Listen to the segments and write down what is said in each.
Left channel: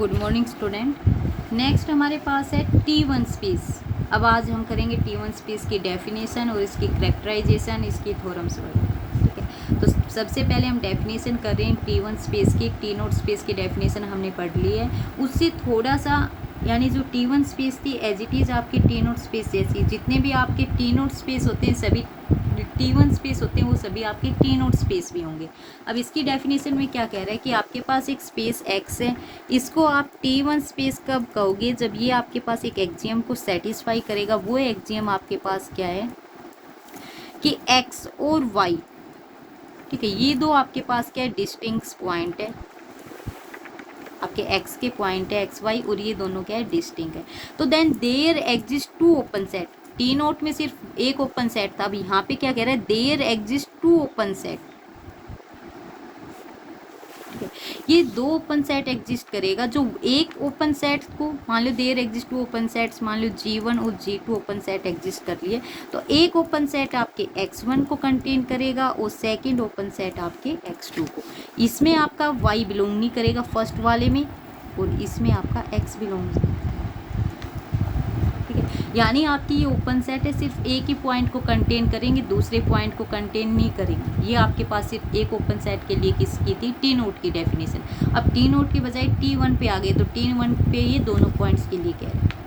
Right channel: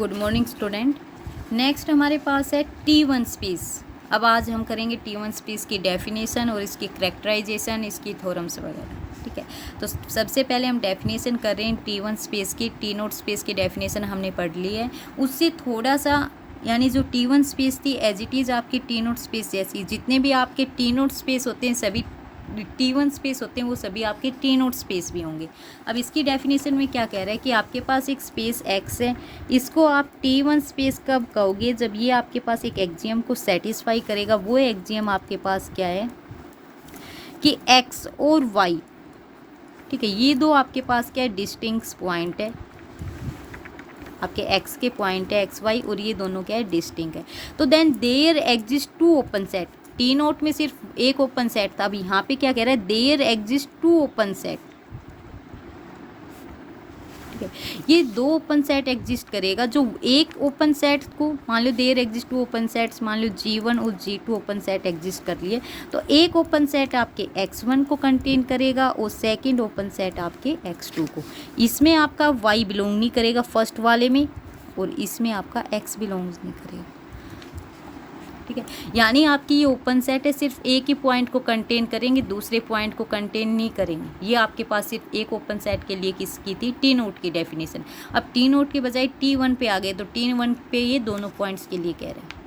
Good morning student. Next हमारे पास है T1 space. अब आज हम करेंगे T1 स्पेस की डेफिनेशन और इसकी करेक्टराइजेशन, इसकी थ्योरम्स वगैरह। ठीक है, तो सबसे पहले हम डेफिनेशन कर रहे हैं T1 स्पेस की। टी नोट स्पेस की डेफिनेशन हमने पढ़ ली है, उससे थोड़ा सा यानी जो T1 स्पेस थी एज इट इज़ आपकी टी नोट स्पेस जैसी। जितने भी आपके टी नोट स्पेस होते हैं सभी T1 स्पेस होते हैं, वो सभी आपके टी नोट स्पेस भी होंगे। अब इसकी डेफिनेशन में क्या कह रहा है कि आपके पास एक स्पेस X है, इसको आप T1 स्पेस कब कहोगे? जब ये आपके पास एक एक्सियम को सेटिस्फाई करेगा। वो एक्सियम आपके पास क्या है कि X और Y, ठीक है, ये दो आपके पास क्या है, डिस्टिंक्ट पॉइंट है। आपके X के पॉइंट है XY, और ये दोनों क्या है, डिस्टिंक्ट है। तो then there exist two open set. T naught में सिर्फ एक ओपन सेट था, अब यहाँ पे क्या कह रहा है, there exist two open set. ये दो ओपन सेट एग्जिस्ट करेगा। जो एक ओपन सेट को मान लो there exist two open sets, मान लो G1 और G2 ओपन सेट एग्जिस्ट कर लिए, तो एक ओपन सेट आपके X1 को कंटेन करेगा और सेकंड ओपन सेट आपके X2 को। इसमें आपका Y बिलोंग नहीं करेगा फर्स्ट वाले में, और इसमें आपका X बिलोंग नहीं करेगा। ठीक है, यानी आपकी ये ओपन सेट है, सिर्फ एक ही पॉइंट को कंटेन करेंगे, दूसरे पॉइंट को कंटेन नहीं करेंगे। ये आपके पास सिर्फ एक ओपन सेट के लिए किसकी थी, टी नोट की डेफिनेशन। अब टी नोट के बजाय T1 पे आ गए, तो T1 पे ये दोनों पॉइंट्स के लिए कह रहे हैं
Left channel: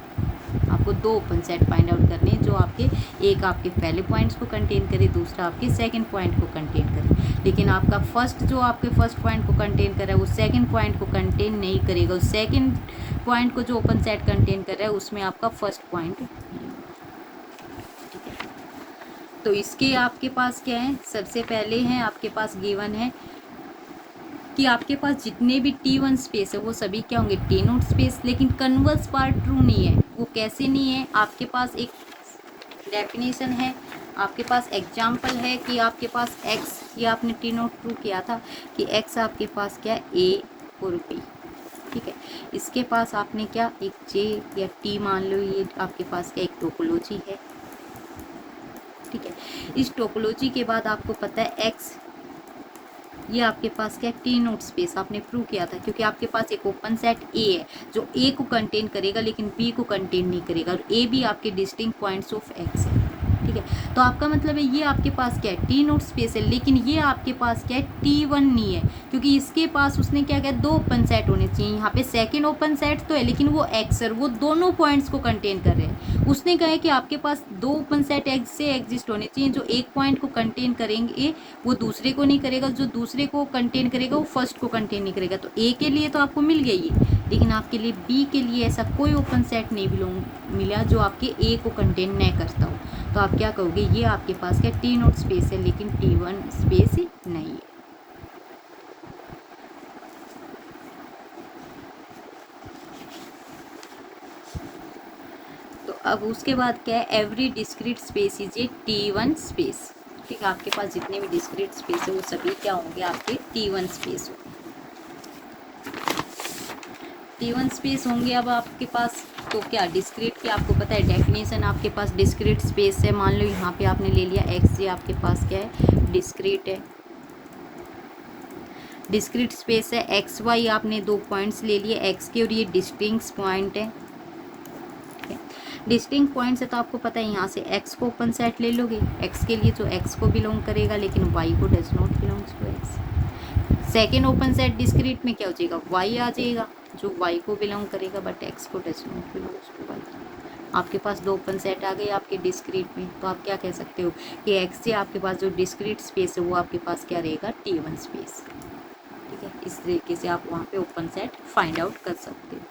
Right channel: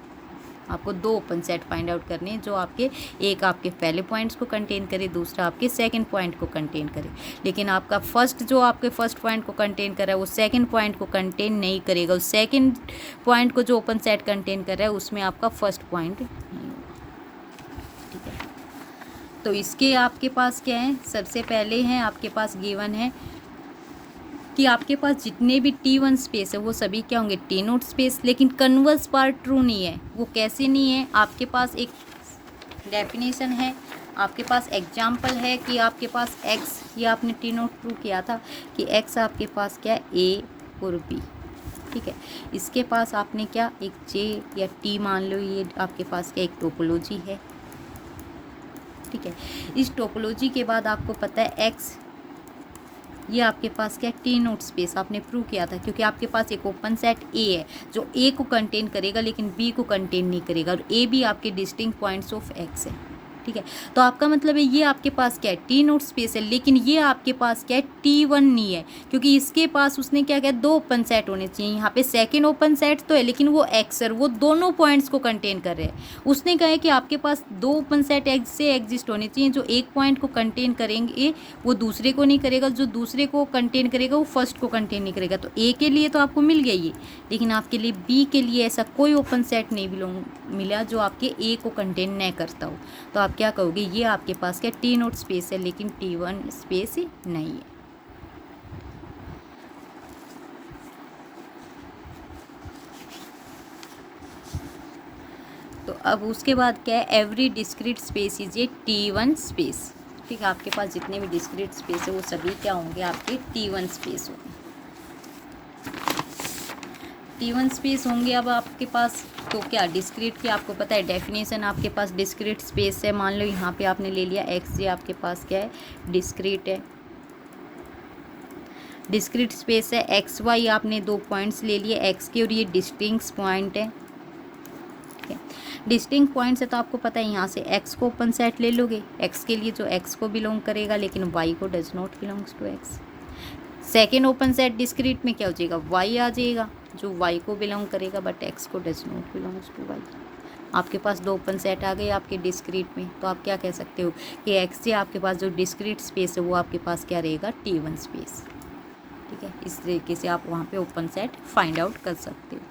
आपको दो ओपन सेट फाइंड आउट करने हैं, जो आपके एक आपके पहले पॉइंट्स को कंटेन करे, दूसरा आपके सेकंड पॉइंट को कंटेन करे। लेकिन आपका फर्स्ट जो आपके फर्स्ट पॉइंट को कंटेन कर रहा है वो सेकंड पॉइंट को कंटेन नहीं करेगा। उस सेकंड पॉइंट को जो ओपन सेट कंटेन कर रहा है उसमें आपका फर्स्ट पॉइंट। तो इसके आपके पास क्या है, सबसे पहले है आपके पास गिवन है कि आपके पास जितने भी T1 स्पेस है वो सभी क्या होंगे, टी नोट स्पेस। लेकिन कन्वर्स पार्ट ट्रू नहीं है। वो कैसे नहीं है, आपके पास एक डेफिनेशन है, आपके पास एग्जाम्पल है कि आपके पास X, ये आपने टी नोट प्रूव किया था कि X आपके पास क्या है, A और B। ठीक है, इसके पास आपने क्या एक J या T मान लो, ये आपके पास क्या एक टोपोलॉजी है। ठीक है, इस टोपोलॉजी के बाद आपको पता है X, ये आपके पास क्या टी नोट स्पेस आपने प्रूव किया था, क्योंकि आपके पास एक ओपन सेट A है जो A को कंटेन करेगा लेकिन B को कंटेन नहीं करेगा, और A भी आपके डिस्टिंक्ट पॉइंट्स ऑफ X है। ठीक है, तो आपका मतलब है ये आपके पास क्या है, टी नोट स्पेस है, लेकिन ये आपके पास क्या है, T1 नहीं है, क्योंकि इसके पास उसने क्या किया, दो ओपन सेट होने चाहिए। यहाँ पे सेकंड ओपन सेट तो है, लेकिन वो X है, वो दोनों पॉइंट्स को कंटेन कर रहे हैं। उसने कहा है कि आपके पास दो ओपन सेट X से एग्जिस्ट होने चाहिए, जो एक पॉइंट को कंटेन करेंगे वो दूसरे को नहीं करेगा, जो दूसरे को कंटेन करेगा वो फर्स्ट को कंटेन नहीं करेगा। तो A के लिए तो आपको मिल गया ये, लेकिन आपके लिए B के लिए ऐसा कोई ओपन सेट नहीं मिला जो आपके A को कंटेन नहीं करता हो। तो आप क्या कहोगे, ये आपके पास क्या टी नोट स्पेस है, लेकिन T1 स्पेस नहीं है। तो अब उसके बाद क्या है, every discrete space is a T1 space. ठीक है, आपके पास जितने भी डिस्क्रीट स्पेस है वो सभी क्या होंगे, आपके T1 स्पेस होंगे। T1 स्पेस होंगे। अब आपके पास तो क्या डिस्क्रीट के आपको पता है डेफिनेशन, आपके पास डिस्क्रीट स्पेस है। मान लो यहाँ पे आपने ले लिया X, ये आपके पास क्या है, डिस्क्रीट है, डिस्क्रीट स्पेस है। XY आपने दो पॉइंट्स ले लिए X के, और ये डिस्टिंक्ट पॉइंट है। ठीक है, डिस्टिंक्ट पॉइंट्स है, तो आपको पता है यहाँ से X को ओपन सेट ले लोगे, X के लिए जो X को बिलोंग करेगा, लेकिन Y को does not belongs to X। Second open set discrete में क्या हो जाएगा, Y आ जाएगा जो Y को बिलोंग करेगा, बट X को does not belongs to Y। आपके पास दो ओपन सेट आ गए आपके डिस्क्रीट में, तो आप क्या कह सकते हो कि X से आपके पास जो डिस्क्रीट स्पेस है वो आपके पास क्या रहेगा, T1 स्पेस। ठीक है, इस तरीके से आप वहाँ पे ओपन सेट फाइंड आउट कर सकते हो।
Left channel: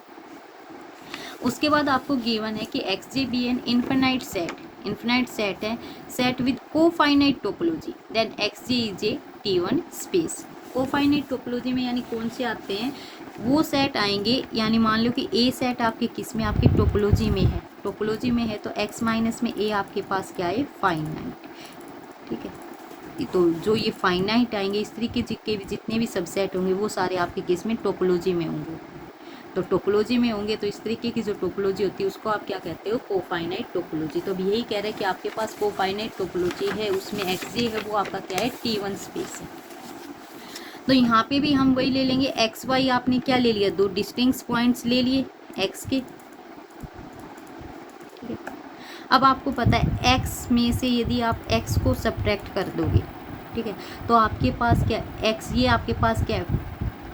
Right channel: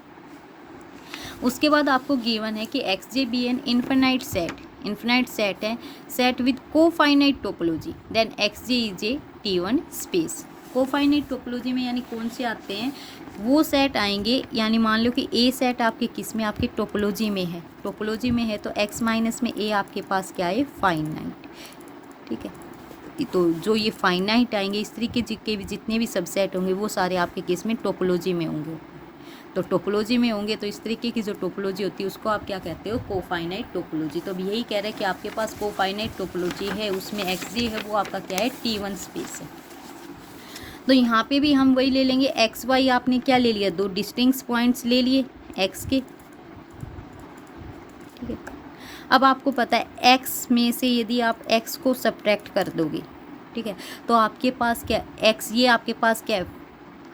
उसके बाद आपको गिवन है कि XJ be an infinite set है, set with cofinite topology, then XJ is a T1 space. Cofinite topology में यानी कौन से आते हैं, वो सेट आएंगे, यानी मान लो कि A सेट आपके किस में, आपकी टोपोलॉजी में है। टोपोलॉजी में है तो X माइनस में A आपके पास क्या है, फाइनाइट। ठीक है, तो जो ये फाइनाइट आएंगे, इस तरीके के भी जितने भी सबसेट होंगे वो सारे आपके किस में, टोपोलॉजी में होंगे। तो टोपोलॉजी में होंगे, तो इस तरीके की जो टोपोलॉजी होती है उसको आप क्या कहते हो, कोफाइनाइट टोपोलॉजी। तो भी यही कह रहे हैं कि आपके पास कोफाइनाइट टोपोलॉजी है, उसमें XG है वो आपका क्या है, T1 स्पेस है। तो यहाँ पे भी हम वही ले लेंगे, एक्स वाई आपने क्या ले लिया, दो डिस्टिंक्ट पॉइंट्स ले लिए एक्स के, ठीक है। अब आपको पता है एक्स में से यदि आप एक्स को सब्ट्रैक्ट कर दोगे, ठीक है, तो आपके पास क्या एक्स, ये आपके पास क्या है,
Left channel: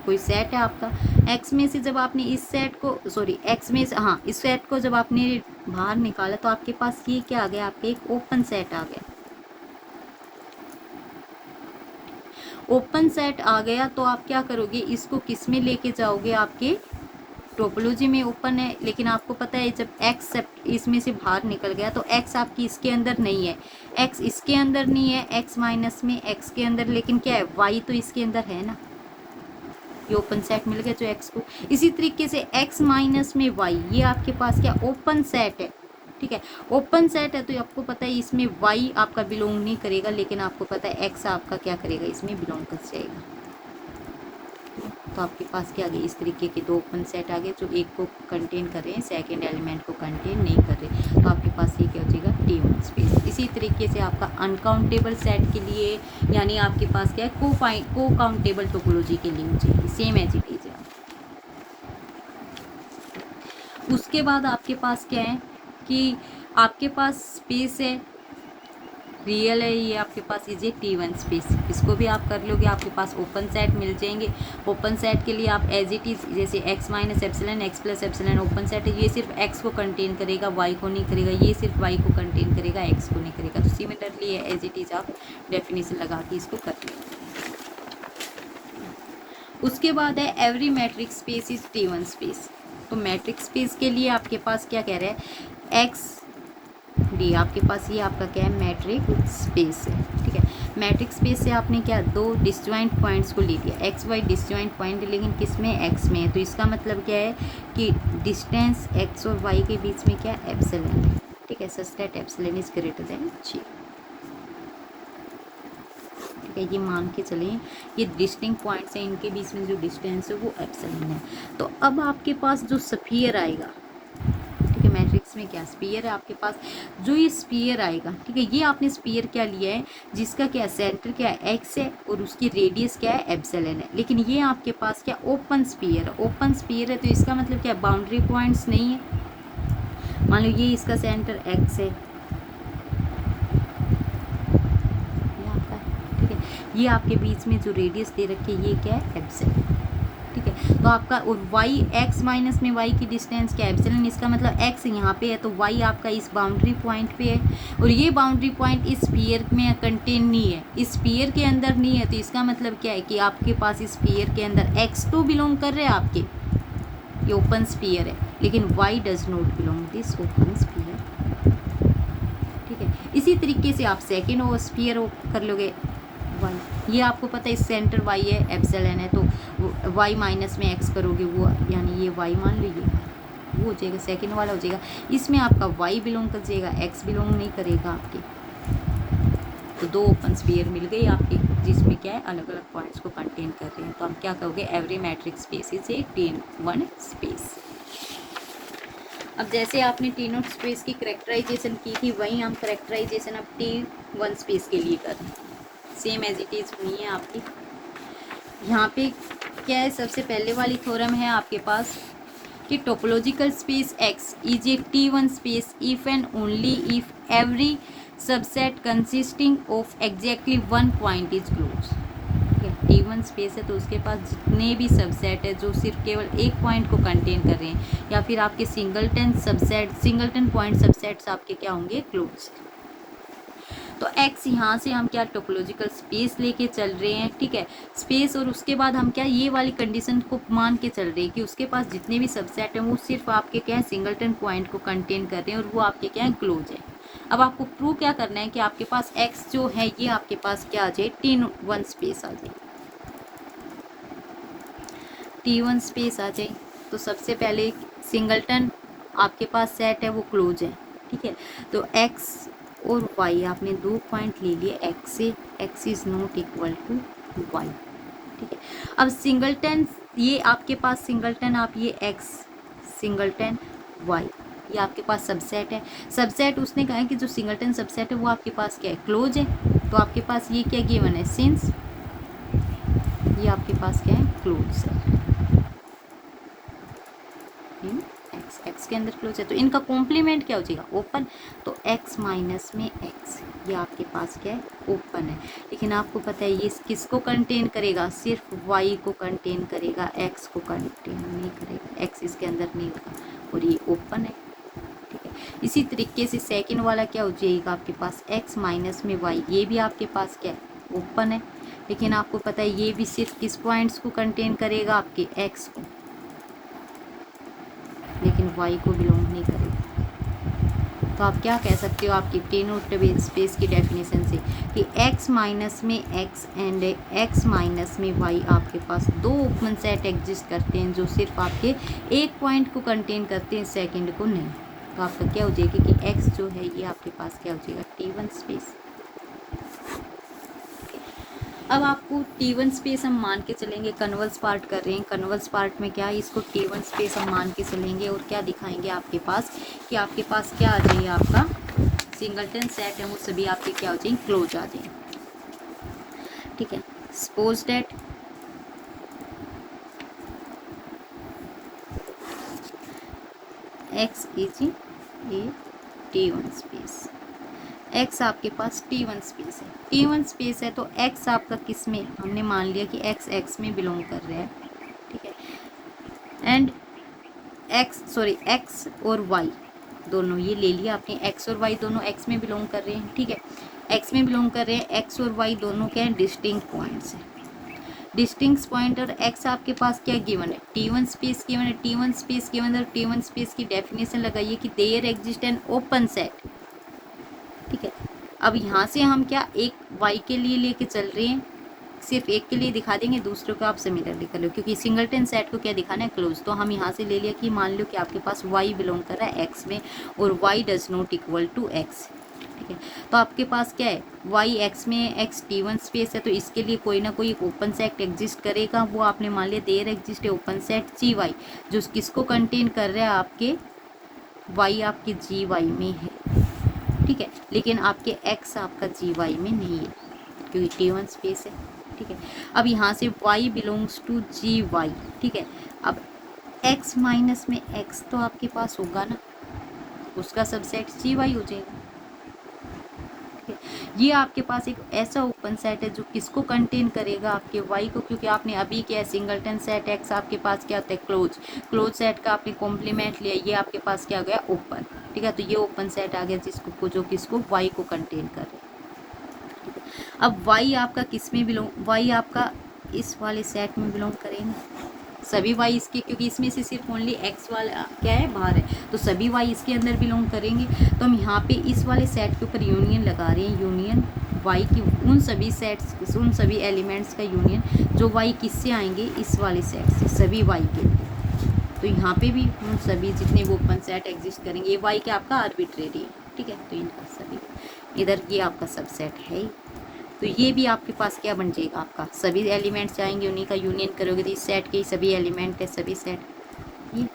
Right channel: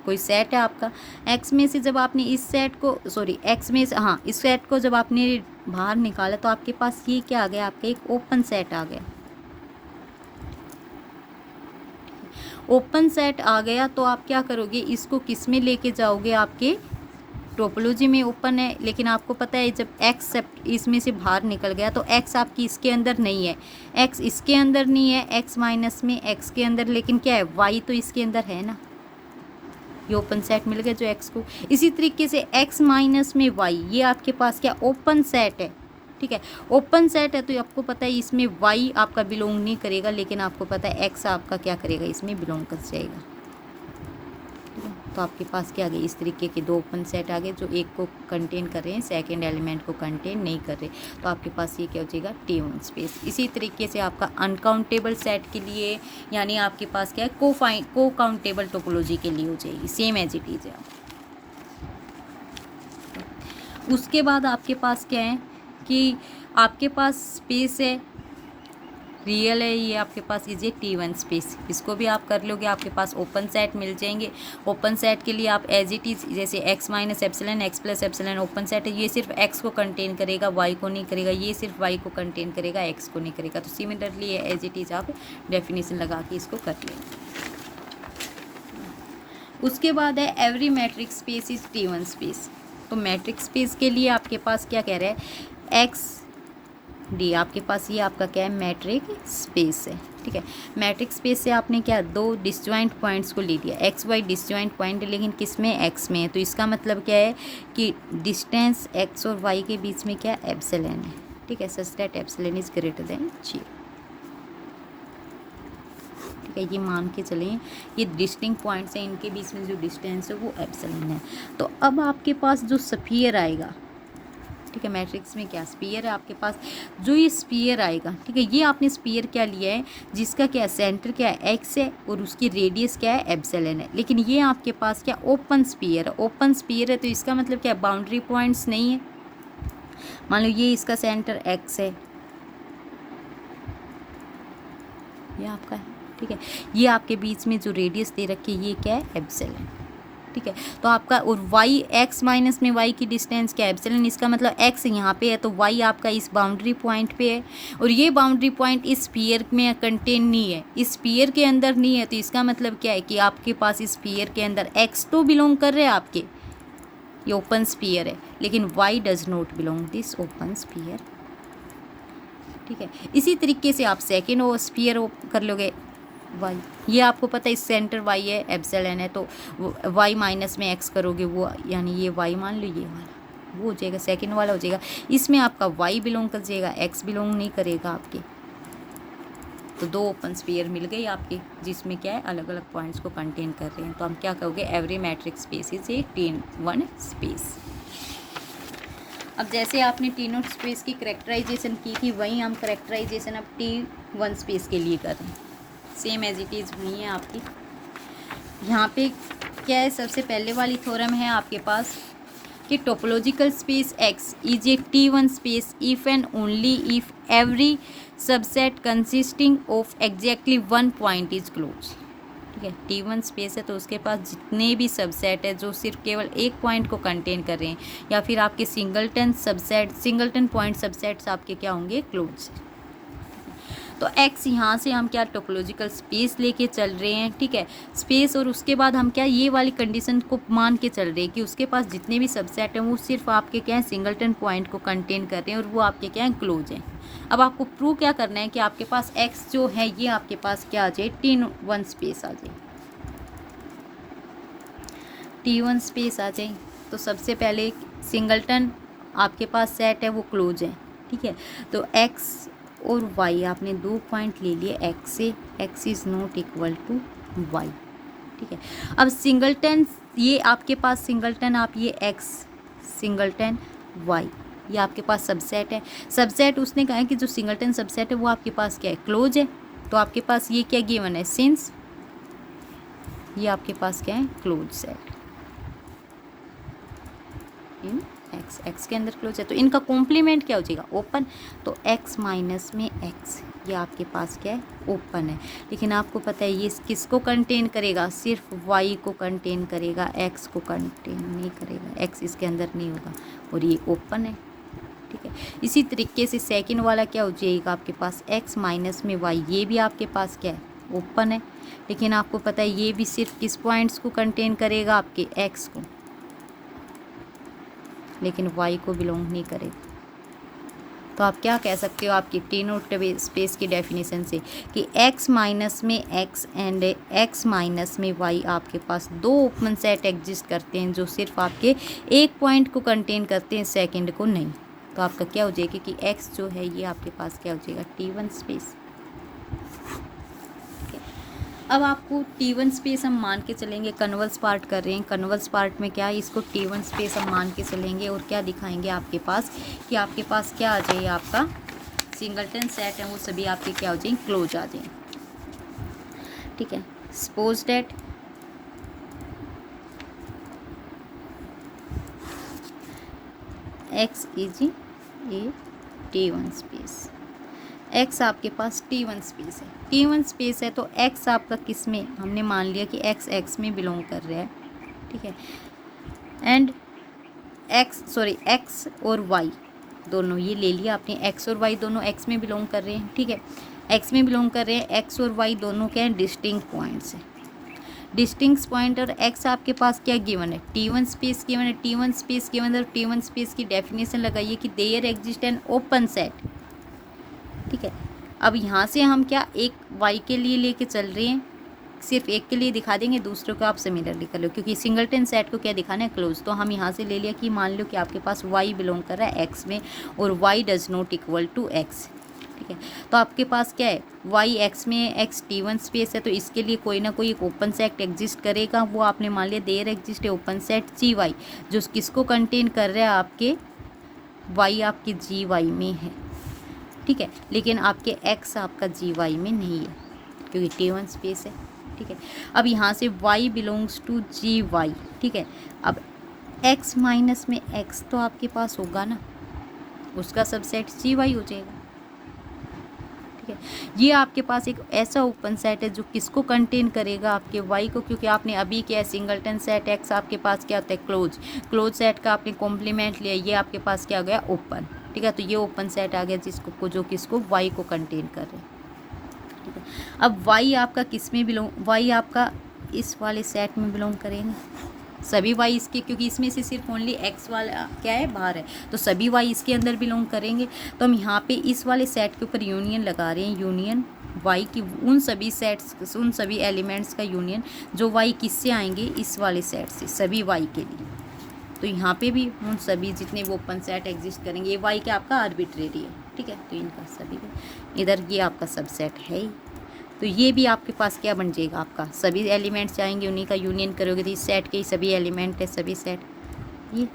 कोई सेट है आपका, एक्स में से जब आपने इस सेट को, सॉरी एक्स में से, हाँ, इस सेट को जब आपने बाहर निकाला तो आपके पास ये क्या आ गया, आपका एक ओपन सेट आ गया। ओपन सेट आ गया तो आप क्या करोगे, इसको किस में लेके जाओगे, आपके टोपोलॉजी में ओपन है, लेकिन आपको पता है जब एक्स इसमें से बाहर निकल गया तो एक्स आपकी इसके अंदर नहीं है, एक्स इसके अंदर नहीं है, एक्स माइनस में एक्स के अंदर, लेकिन क्या है, वाई तो इसके अंदर है ना, ये ओपन सेट मिल गया जो एक्स को। इसी तरीके से एक्स माइनस में वाई, ये आपके पास क्या ओपन सेट है, ठीक है, ओपन सेट है, तो आपको पता है इसमें वाई आपका बिलोंग नहीं करेगा, लेकिन आपको पता है एक्स आपका क्या करेगा, इसमें बिलोंग कर जाएगा। तो आपके पास क्या आ गए, इस तरीके के दो ओपन सेट आ गए जो एक को कंटेन कर रहे हैं, सेकेंड एलिमेंट को कंटेन नहीं कर रहे, तो आपके पास ये क्या हो जाएगा, T1 स्पेस। इसी तरीके से आपका अनकाउंटेबल सेट के लिए, यानी आपके पास क्या है, को काउंटेबल टोपोलॉजी के लिए हो जाएगी, सेम एज इट इज है। उसके बाद आपके पास क्या है कि आपके पास स्पेस है, रियल है, ये आपके पास ये T1 स्पेस, इसको भी आप कर लोगे, आपके पास ओपन सेट मिल जाएंगे। ओपन सेट के लिए आप एज इट इज, जैसे x minus epsilon, x plus epsilon open set है, ये सिर्फ x को कंटेन करेगा, y को नहीं करेगा, ये सिर्फ y को कंटेन करेगा, x को नहीं करेगा। तो सिमिलरली एज इट इज आप डेफिनेशन लगा के इसको कर लेंगे। उसके बाद है every matrix space is T1 space. तो मैट्रिक्स स्पेस के लिए आपके पास क्या कह रहा है, एक्स डी, आपके पास ये आपका क्या है, मैट्रिक स्पेस है, ठीक है। मैट्रिक स्पेस से आपने क्या, दो डिसजॉइंट पॉइंट्स को ले लिया, एक्स वाई डिसजॉइंट पॉइंट, लेकिन किस में, एक्स में है, तो इसका मतलब क्या है कि डिस्टेंस एक्स और वाई के बीच में क्या, एप्सिलॉन है, ठीक है, such that epsilon is greater than 0, ठीक है। ये मान के चलें, ये डिस्टिंक्ट पॉइंट्स हैं, इनके बीच में जो डिस्टेंस है वो एप्सिलॉन है। तो अब आपके पास जो स्फीयर आएगा, ठीक है, मैट्रिक्स में क्या स्फीयर है आपके पास, जो ये स्फीयर आएगा, ठीक है, ये आपने स्फीयर क्या लिया है, जिसका क्या सेंटर क्या है, एक्स है, और उसकी रेडियस क्या है, एप्सिलॉन है, लेकिन ये आपके पास क्या ओपन स्फीयर है, ओपन स्फीयर है, तो इसका मतलब क्या, बाउंड्री पॉइंट्स नहीं है। मान लो ये इसका सेंटर एक्स है, ये आपका, ठीक है, ये आपके बीच में जो रेडियस दे रखी है ये क्या है, एप्सिलॉन, ठीक है। तो आपका, और y x माइनस में y की डिस्टेंस क्या है, एप्सिलॉन, इसका मतलब x यहाँ पे है, तो y आपका इस बाउंड्री पॉइंट पे है, और ये बाउंड्री पॉइंट इस स्फीयर में कंटेन नहीं है, इस स्फीयर के अंदर नहीं है, तो इसका मतलब क्या है कि आपके पास इस स्फीयर के अंदर x तो बिलोंग कर रहे हैं आपके, ये ओपन स्फीयर है, लेकिन y does not belong this open sphere, ठीक है। इसी तरीके से आप सेकेंड वो स्फीयर कर लोगे, ये आपको पता है इस सेंटर y है, एप्सिलॉन है, तो y माइनस में x करोगे वो, यानी ये y मान लो, ये वो हो जाएगा, सेकंड वाला हो जाएगा, इसमें आपका y बिलोंग कर जाएगा, x बिलोंग नहीं करेगा आपके। तो दो ओपन स्फीयर मिल गई आपकी, जिसमें क्या है, अलग अलग पॉइंट्स को कंटेन कर रहे हैं। तो हम क्या कहोगे, every matrix space is a T1 space. अब जैसे आपने T0 स्पेस की करेक्टराइजेशन की थी, वहीं हम करेक्टराइजेशन अब T1 स्पेस के लिए कर रहे हैं, सेम एज इट इज़ हुई है आपकी। यहाँ पे क्या है, सबसे पहले वाली थ्योरम है आपके पास कि topological space x is a T1 space if and only if every subset consisting of exactly one point is close, ठीक है। T1 स्पेस है तो उसके पास जितने भी सबसेट है जो सिर्फ केवल एक पॉइंट को कंटेन कर रहे हैं, या फिर आपके singleton subset, singleton point subsets आपके क्या होंगे, क्लोज। तो x यहाँ से हम क्या टोपोलॉजिकल स्पेस लेके चल रहे हैं, ठीक है, स्पेस, और उसके बाद हम क्या ये वाली कंडीशन को मान के चल रहे हैं कि उसके पास जितने भी सबसेट हैं वो सिर्फ आपके क्या है, सिंगलटन पॉइंट को कंटेन कर रहे हैं, और वो आपके क्या है, क्लोज है। अब आपको प्रूव क्या करना है कि आपके पास x जो है ये आपके पास क्या आ जाए, T1 स्पेस आ जाए, T1 स्पेस आ जाए। तो सबसे पहले सिंगलटन आपके पास सेट है वो क्लोज है, ठीक है। तो x और y आपने दो पॉइंट ले लिए, x से, x is not equal to y, ठीक है। अब सिंगलटन, ये आपके पास सिंगलटन, आप ये x सिंगलटन y, ये आपके पास सबसेट है। सबसेट उसने कहा है कि जो सिंगलटन सबसेट है वो आपके पास क्या है, क्लोज है। तो आपके पास ये क्या गिवन है, सिंस ये आपके पास क्या है, क्लोज सेट इन एक्स, एक्स के अंदर क्लोज है तो इनका कॉम्प्लीमेंट क्या हो जाएगा, ओपन। तो एक्स माइनस में एक्स ये आपके पास क्या है, ओपन है। लेकिन आपको पता है ये किसको कंटेन करेगा, सिर्फ वाई को कंटेन करेगा, एक्स को कंटेन नहीं करेगा, एक्स इसके अंदर नहीं होगा और ये ओपन है, ठीक है। इसी तरीके से सेकंड वाला क्या हो जाएगा आपके पास, एक्स माइनस में वाई, ये भी आपके पास क्या है, ओपन है। लेकिन आपको पता है ये भी सिर्फ किस पॉइंट्स को कंटेन करेगा, आपके एक्स को, लेकिन वाई को बिलोंग नहीं करेगा। तो आप क्या कह सकते हो आपकी टी नोट स्पेस की डेफिनेशन से कि एक्स माइनस में एक्स एंड एक्स माइनस में वाई आपके पास दो ओपन सेट एग्जिस्ट करते हैं जो सिर्फ आपके एक पॉइंट को कंटेन करते हैं, सेकंड को नहीं। तो आपका क्या हो जाएगा कि एक्स जो है ये आपके पास क्या हो जाएगा, T1 स्पेस। अब आपको T1 स्पेस हम मान के चलेंगे, कन्वर्स पार्ट कर रहे हैं, कन्वर्स पार्ट में क्या है, इसको T1 स्पेस हम मान के चलेंगे और क्या दिखाएंगे आपके पास कि आपके पास क्या आ जाए, आपका सिंगलटन सेट है वो सभी आपके क्या हो जाए, क्लोज आ जाए, ठीक है। Suppose that x is a T1 space, x आपके पास T1 स्पेस है, T1 स्पेस है तो एक्स आपका किस में, हमने मान लिया कि एक्स एक्स में बिलोंग कर रहा है, ठीक है। एंड एक्स और वाई दोनों ये ले लिया आपने, एक्स और वाई दोनों एक्स में बिलोंग कर रहे हैं, ठीक है, एक्स में बिलोंग कर रहे हैं। एक्स और वाई दोनों क्या है, डिस्टिंक्ट पॉइंट्स हैं, डिस्टिंक्ट पॉइंट। और एक्स आपके पास क्या गिवन है, T1 स्पेस गिवन है, T1 स्पेस गिवन है। T1 स्पेस की डेफिनेशन लगाइए कि there exist an open set, ठीक है। अब यहाँ से हम क्या एक वाई के लिए लेके चल रहे हैं, सिर्फ एक के लिए दिखा देंगे, दूसरों को आप सिमिलरली कर लो, क्योंकि सिंगलटन सेट को क्या दिखाना है, क्लोज। तो हम यहाँ से ले लिया कि मान लो कि आपके पास वाई बिलोंग कर रहा है एक्स में और y does not equal to x, ठीक है। तो आपके पास क्या है, वाई एक्स में, एक्स T1 स्पेस है तो इसके लिए कोई ना कोई एक ओपन सेट एग्जिस्ट करेगा, वो आपने मान लिया देयर एग्जिस्ट है ओपन सेट जी वाई, जो किसको कंटेन कर रहा है, आपके वाई आपके जी वाई में है, ठीक है। लेकिन आपके एक्स आपका जी वाई में नहीं है क्योंकि T1 स्पेस है, ठीक है। अब यहाँ से y belongs to G y, ठीक है। अब x माइनस में x तो आपके पास होगा ना, उसका सबसेट जी वाई हो जाएगा, ठीक है। ये आपके पास एक ऐसा ओपन सेट है जो किसको कंटेन करेगा, आपके y को, क्योंकि आपने अभी क्या सिंगलटन सेट x आपके पास क्या होता है, क्लोज, क्लोज सेट का आपने कॉम्प्लीमेंट लिया, ये आपके पास क्या हो गया, ओपन, ठीक है। तो ये ओपन सेट आ गया जिसको जो किसको y को कंटेन कर रहे हैं, ठीक है। अब y आपका किस में बिलोंग, y आपका इस वाले सेट में बिलोंग करेंगे, सभी y इसके, क्योंकि इसमें से सिर्फ ओनली x वाला क्या है, बाहर है, तो सभी y इसके अंदर बिलोंग करेंगे। तो हम यहाँ पे इस वाले सेट के ऊपर यूनियन लगा रहे हैं, यूनियन y की उन सभी सेट्स, उन सभी एलिमेंट्स का यूनियन जो y किससे आएंगे, इस वाले सेट से, सभी y के लिए। तो यहाँ पे भी उन सभी जितने वो ओपन सेट एग्जिस्ट करेंगे, ये y क्या आपका आर्बिट्रेरी है, ठीक है। तो इनका सभी इधर ये आपका सबसेट है ही, तो ये भी आपके पास क्या बन जाएगा, आपका सभी एलिमेंट्स जाएंगे, उन्हीं का यूनियन करोगे तो इस सेट के ही सभी एलिमेंट है, सभी सेट ये।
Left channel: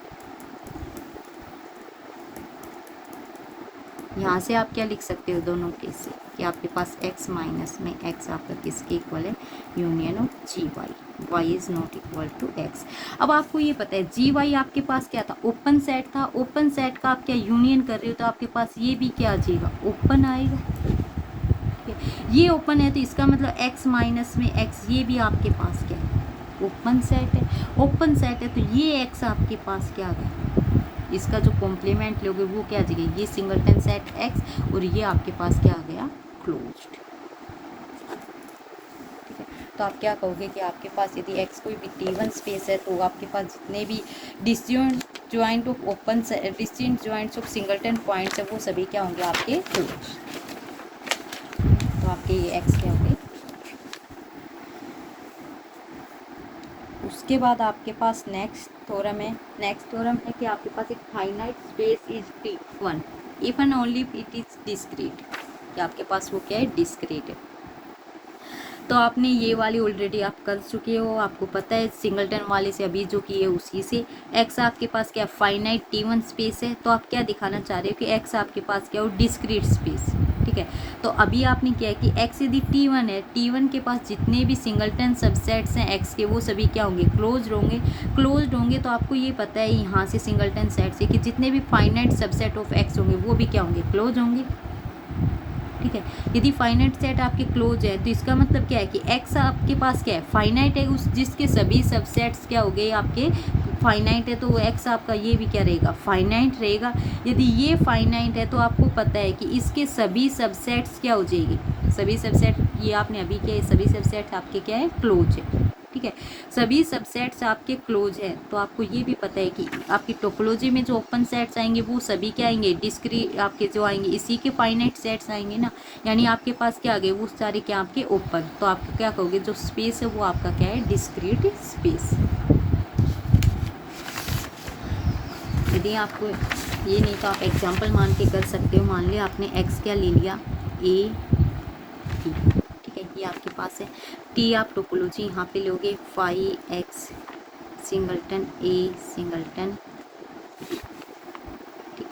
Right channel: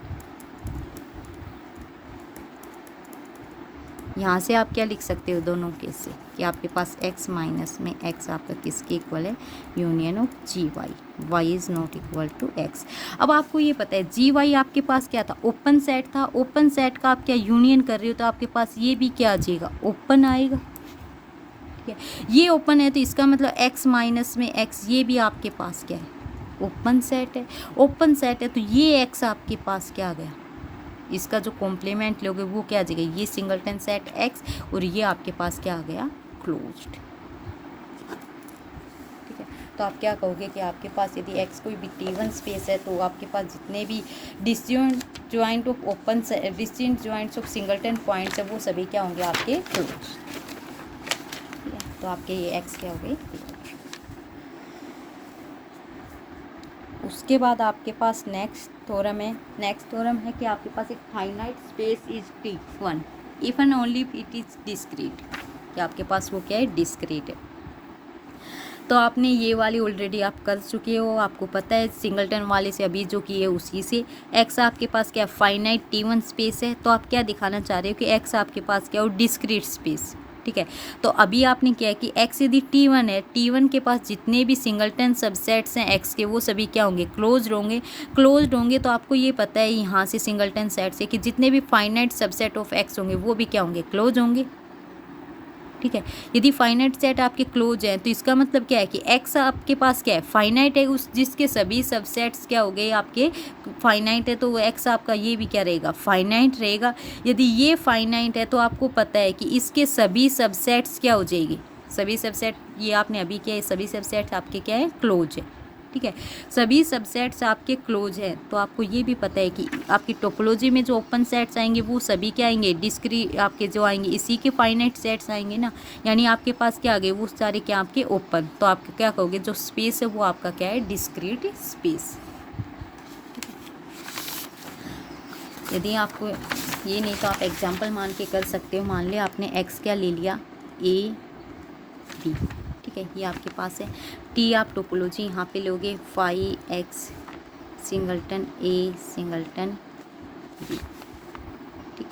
यहाँ से आप क्या लिख सकते हो दोनों केस से कि आपके पास x माइनस में x आपका किसके इक्वल है, union of G y, y is not equal to x। अब आपको ये पता है जी वाई आपके पास क्या था, ओपन सेट था, ओपन सेट का आप क्या यूनियन कर रहे हो तो आपके पास ये भी क्या आ जाएगा, ओपन आएगा, ठीक है। ये ओपन है तो इसका मतलब x माइनस में x ये भी आपके पास क्या है, ओपन सेट है, ओपन सेट है तो ये x आपके पास क्या आ गया, इसका जो कॉम्प्लीमेंट लोगे वो क्या आ जाएगा, ये सिंगलटन सेट x और ये आपके पास क्या आ गया, क्लोज्ड, ठीक है। तो आप क्या कहोगे कि आपके पास यदि x कोई भी T1 स्पेस है तो आपके पास जितने भी distinct joint of open distinct joints of singleton points है वो सभी क्या होंगे, आपके क्लोज्ड। तो आपके ये x क्या हो गए। उसके बाद आपके पास नेक्स्ट थ्योरम है, नेक्स्ट थ्योरम है कि आपके पास एक finite space is T1 if and only it is discrete, कि आपके पास वो क्या है, डिस्क्रीट है। तो आपने ये वाली ऑलरेडी आप कर चुके हो, आपको पता है सिंगलटन वाले से अभी जो किए उसी से। एक्स आपके पास क्या फाइनाइट T1 स्पेस है, तो आप क्या दिखाना चाह रहे हो कि एक्स आपके पास क्या हो डिस्क्रीट स्पेस, ठीक है। तो अभी आपने क्या है कि एक्स यदि T1 है, T1 के पास जितने भी सिंगलटन सबसेट्स हैं एक्स के वो सभी क्या होंगे क्लोज्ड होंगे। क्लोज्ड होंगे तो आपको ये पता है यहाँ से सिंगलटन सेट से कि जितने भी फाइनाइट सबसेट ऑफ एक्स होंगे वो भी क्या होंगे क्लोज होंगे, ठीक है। यदि फाइनाइट सेट आपके क्लोज है तो इसका मतलब क्या है कि एक्स आपके पास क्या है फाइनाइट है, उस जिसके सभी सबसेट्स क्या हो गए आपके फाइनाइट है, तो वो एक्स आपका ये भी क्या रहेगा फाइनाइट रहेगा। यदि ये फाइनाइट है तो आपको पता है कि इसके सभी सबसेट्स क्या हो जाएगी, सभी सबसेट ये आपने अभी क्या है सभी सबसेट्स आपके क्या है क्लोज है, ठीक है। सभी सबसेट्स आपके क्लोज है तो आपको ये भी पता है कि आपकी टोपोलॉजी में जो ओपन सेट्स आएंगे वो सभी क्या आएंगे डिस्क्रीट आपके जो आएंगे इसी के फाइनाइट सेट्स आएंगे ना, यानी आपके पास क्या आ गए वो सारे क्या आपके ओपन। तो आप क्या कहोगे जो स्पेस है वो आपका क्या है डिस्क्रीट स्पेस। यदि आपको ये नहीं तो आप एग्जाम्पल मान के कर सकते हो। मान लिया आपने एक्स क्या ले लिया ए टी, ठीक है, ये आपके पास है। टी आप टोपोलॉजी यहाँ पे लोगे 5x सिंगलटन ए सिंगलटन बी, ठीक,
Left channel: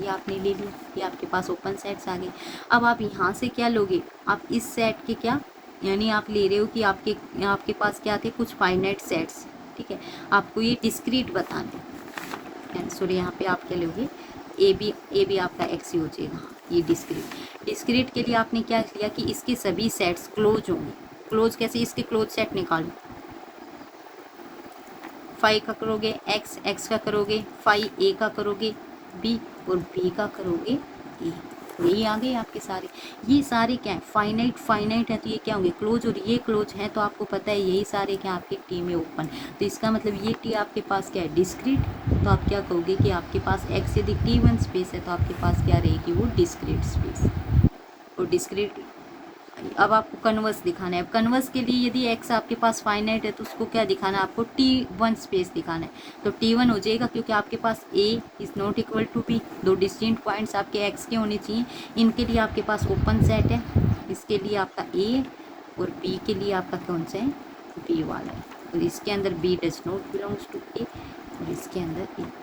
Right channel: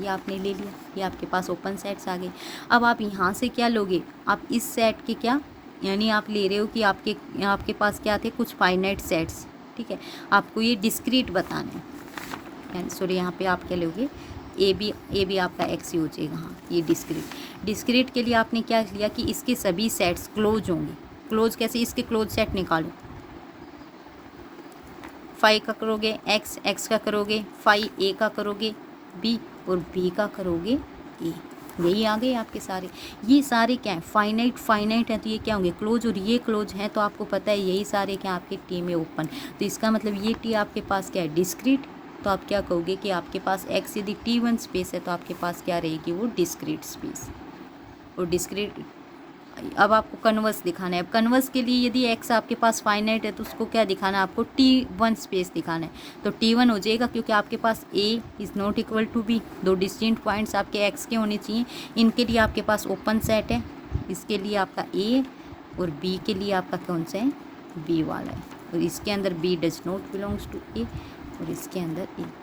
ये आपने ले लिया, ये आपके पास ओपन सेट्स आ गए। अब आप यहाँ से क्या लोगे, आप इस सेट के क्या यानी आप ले रहे हो कि आपके पास क्या थे कुछ फाइनाइट सेट्स, ठीक है, आपको ये डिस्क्रीट बताना है। सॉरी यहाँ पे आप क्या लोगे ए बी आपका एक्स ही हो जाएगा, ये डिस्क्रीट के लिए आपने क्या लिया कि इसके सभी सेट्स क्लोज होंगे। क्लोज कैसे, इसके क्लोज सेट निकालो, 5 का करोगे एक्स का करोगे 5 ए का करोगे बी और बी का करोगे ए, यही आ गए आपके सारे। ये सारे क्या है फाइनाइट है तो ये क्या होंगे क्लोज, और ये क्लोज है तो आपको पता है यही सारे क्या आपके टी में ओपन। तो इसका मतलब ये टी आपके पास क्या है डिस्क्रीट, तो आप क्या कहोगे कि आपके पास एक्स यदि T1 स्पेस है तो आपके पास क्या रहेगी वो डिस्क्रीट स्पेस। और डिस्क्रीट अब आपको कन्वर्स दिखाना है। अब कन्वर्स के लिए यदि एक्स आपके पास फाइनाइट है तो उसको क्या दिखाना है आपको T1 स्पेस दिखाना है। तो T1 हो जाएगा क्योंकि आपके पास A is not equal to B, दो डिस्टिंक्ट पॉइंट्स आपके एक्स के होने चाहिए, इनके लिए आपके पास ओपन सेट है, इसके लिए आपका A और B के लिए आपका कौन सा है B वाला है, और इसके अंदर B does not belongs to A और इसके अंदर A।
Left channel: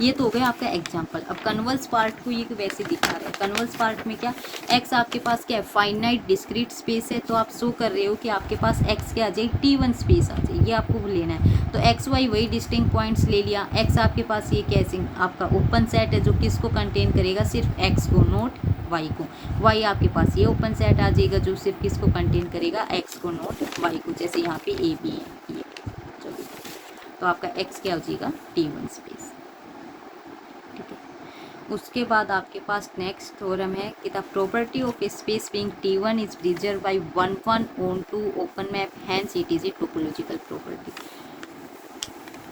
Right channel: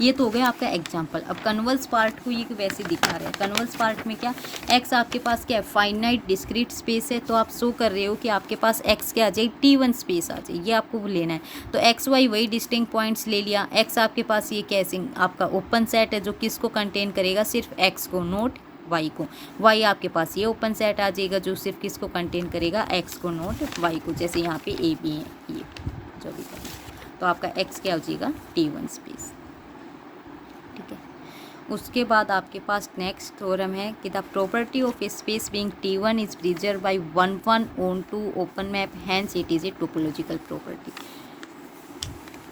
ये तो हो गया आपका एग्जाम्पल। अब कन्वर्स पार्ट को ये वैसे दिखा रहे हैं। कन्वर्स पार्ट में क्या एक्स आपके पास क्या है फाइनाइट डिस्क्रीट स्पेस है, तो आप शो कर रहे हो कि आपके पास एक्स क्या आ जाए T1 स्पेस आ जाए, ये आपको लेना है। तो एक्स वाई वही डिस्टिंक्ट पॉइंट्स ले लिया। एक्स आपके पास ये कैसे आपका ओपन सेट है जो किसको कंटेन करेगा सिर्फ एक्स को, नोट वाई को। वाई आपके पास ये ओपन सेट आ जाएगा जो सिर्फ किसको कंटेन करेगा एक्स को, नोट वाई को। जैसे यहाँ पे ए बी है ये जो भी, तो आपका एक्स क्या हो जाएगा T1 स्पेस। उसके बाद आपके पास नेक्स्ट थ्योरम है कि the property of a space being T1 is preserve by 1 onto open map, hence it is a topological property.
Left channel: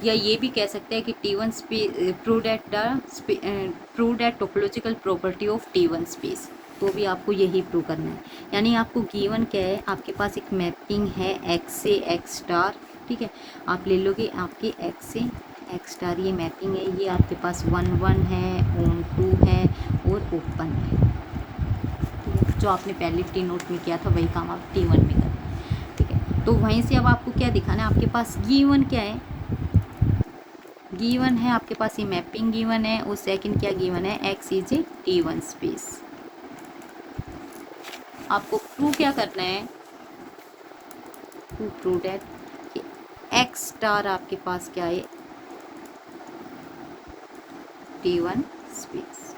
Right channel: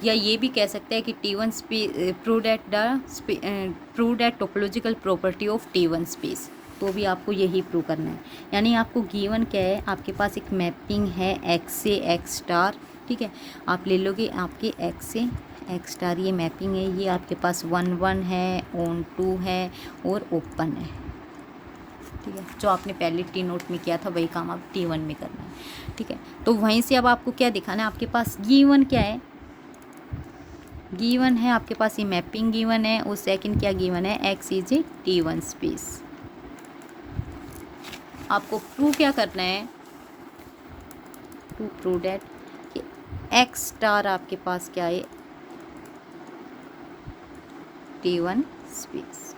या ये भी कह सकते हैं कि T1 prove that topological property of T1 space, तो भी आपको यही प्रूव करना है। यानी आपको गिवन क्या है, आपके पास एक मैपिंग है एक्स से एक्स स्टार, ठीक है, आप ले लोगे आपके एक्स से एक्स स्टार, ये मैपिंग है, ये आपके पास 1 है, ऑन 2 है और ओपन है, ठीक है। जो आपने पहले टी नोट में किया था वही काम आप T1 में करना है, ठीक है। तो वहीं से अब आपको क्या दिखाना है, आपके पास गिवन क्या है, गिवन है आपके पास ये मैपिंग गिवन है, और सेकंड क्या गिवन है x is a T1 space. आपको प्रूव क्या करना है, टू प्रूव दैट कि एक्स स्टार आपके पास क्या है T1 स्पेस।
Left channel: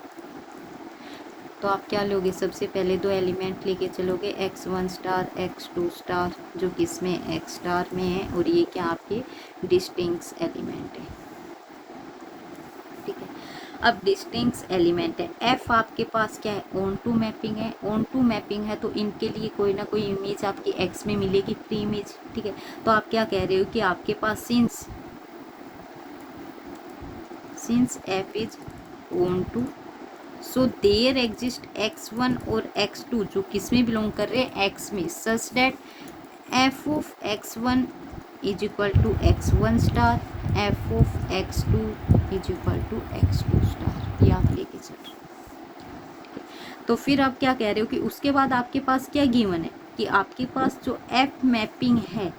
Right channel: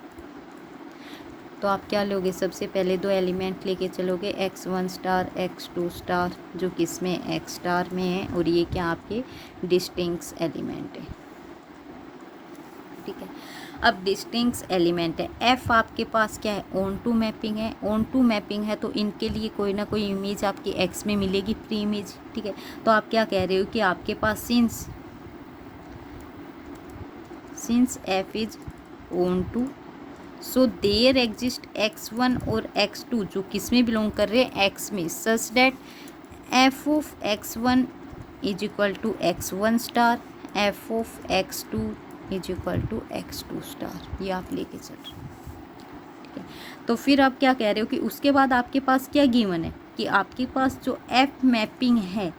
तो आप क्या लोगे, सबसे पहले दो एलिमेंट लेके चलोगे x1 स्टार x2 स्टार जो कि इसमें x स्टार में है, और ये क्या आपके डिस्टिंक्ट एलिमेंट है, ठीक है। अब डिस्टिंक्ट एलिमेंट है f आपके पास क्या है ऑन टू मैपिंग है, ऑन टू मैपिंग है तो इनके लिए कोई ना कोई इमेज आपकी x में मिलेगी प्री इमेज, ठीक है। तो आप क्या कह रहे हो कि आपके पास since f is onto so there exist x1 और x2 जो किस में बिलोंग कर रहे हैं x में, such that f of x1 is equal to x1 star, f of x2 is equal to x2 star, ये आप लेके चल रहे हैं, ठीक है। तो फिर आप क्या कह रहे हो कि उसके बाद आपके पास क्या गिवन है कि आपके पास जो एफ मैपिंग है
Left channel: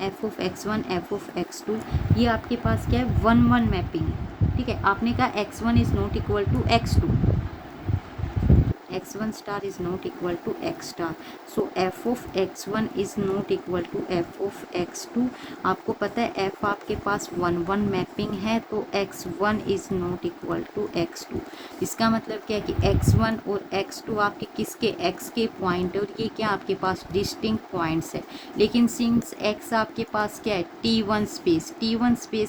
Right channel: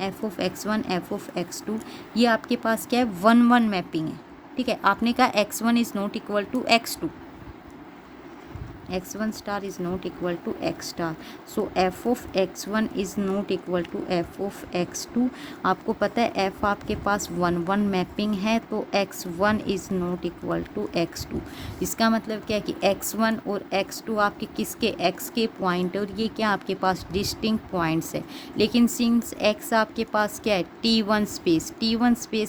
F of x1 F of x2 ये आपके पास क्या है 1-1 मैपिंग है। ठीक है, आपने कहा x1 is not equal to x2, x1 star is not equal to x star, so f of x1 is not equal to f of x2। आपको पता है f आपके पास 1-1 मैपिंग है, तो x1 is not equal to x2। इसका मतलब क्या है कि x1 और x2 आपके किसके x के पॉइंट, और ये क्या आपके पास डिस्टिंक्ट पॉइंट्स है। लेकिन सिंस x आपके पास क्या है T1 स्पेस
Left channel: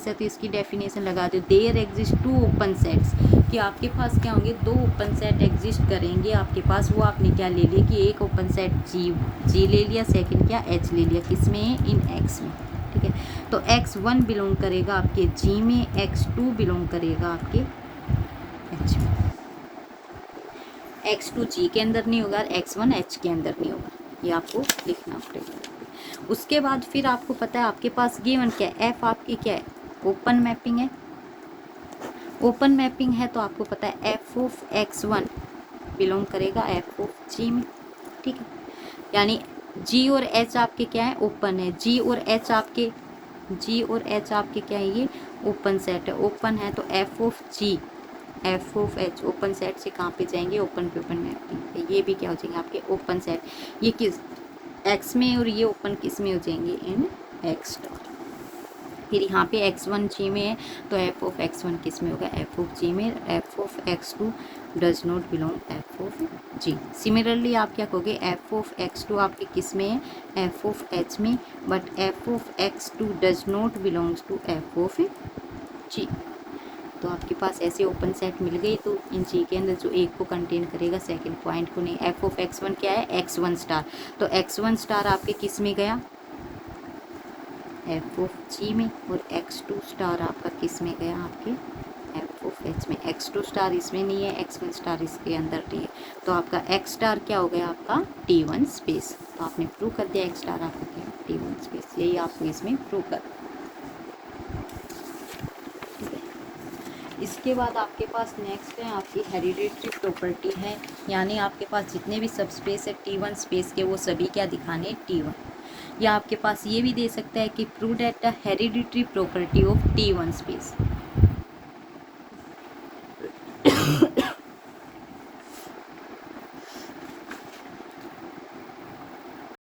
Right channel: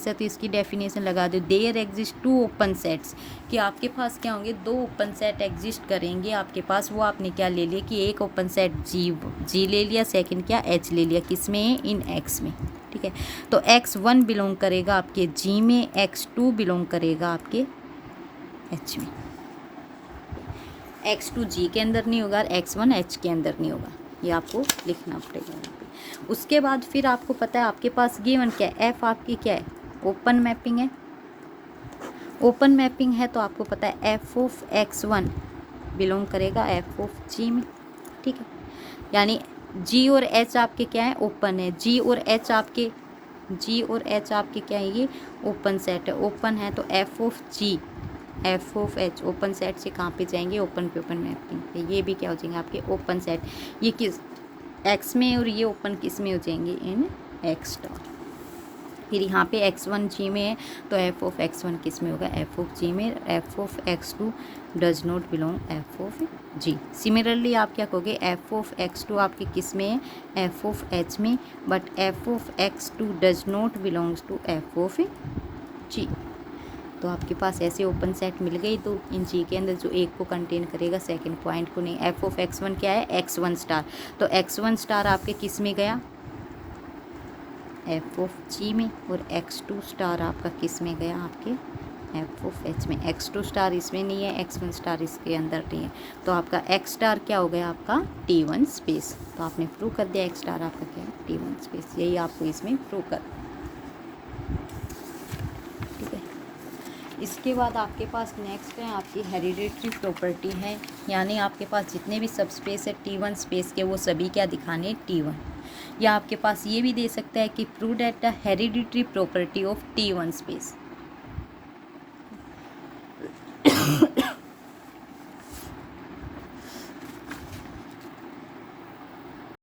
है, तो इसकी डेफिनेशन लगा दो, देयर एग्जिस्ट 2 ओपन सेट्स, कि आपके पास क्या होंगे 2 ओपन सेट एग्जिस्ट करेंगे आपके पास। वो आपने क्या ले लिया कि एक ओपन सेट जी ले लिया, सेकंड क्या एच ले लिया, किस में है इन एक्स में। ठीक है, तो x1 बिलोंग करेगा आपके जी में, x2 बिलोंग करेगा आपके एच में। x2 जी के अंदर नहीं होगा, x1 एच के अंदर नहीं होगा, ये आपको लिखना पड़ेगा। उसके बाद फिर आपको पता है आपके पास गिवन क्या है, एफ आपकी क्या है ओपन मैपिंग है। ओपन मैपिंग है तो आपको पता है एफ ऑफ x1 बिलोंग करेगा एफ ऑफ जी में। ठीक है, यानी जी और एच आपके क्या है ओपन है, जी और एच आपके क्या है ये ओपन सेट है। ओपन है तो f of G f of H open set से कहाँ पे जाएंगे ओपन पे ओपन मैपिंग, ये भी क्या हो जाएंगे आपके ओपन सेट। ये किस एक्स में और ये ओपन किस में हो जाएंगे इन एक्स। फिर यहाँ पे x1 जी में है तो एफ ऑफ x1 किस में होगा एफ ऑफ जी में, f of x2 does not belong f of G. Similarly आप क्या कहोगे एफ ऑफ x2 आपके किस में है एफ ऑफ एच में, but F of x2 does not belongs to F of G. तो आपके पास ऐसे ओपन सेट मिल गई, तो इन जी के अंदर जो एक को कंटेन करेगा सेकंड पॉइंट को नहीं। एफ ऑफ x1 क्या है x1 स्टार, तो x1 स्टार आपके किस में गया एफ ऑफ जी में, और x2 स्टार आपका किस में गया आपके एफ ऑफ एच में। x2 स्टार इसमें नहीं है, x1 स्टार इसके अंदर नहीं है, तो आपका x स्टार क्या हो गया आपका T1 स्पेस। तो आपने प्रूव कर दिया x स्टार आपका क्या T1 स्पेस, यही आपको इसमें प्रूव कर। ठीक है, इसके बाद आपके पास नेक्स्ट है आपकी हेरिडेटरी प्रॉपर्टी है, यानी आपके पास जितने भी सब स्पेस है T1 स्पेस के वो सभी क्या दिखाने T1। या आपके पास ये भी दे सकता है कि prove that the hereditary property of T1 space.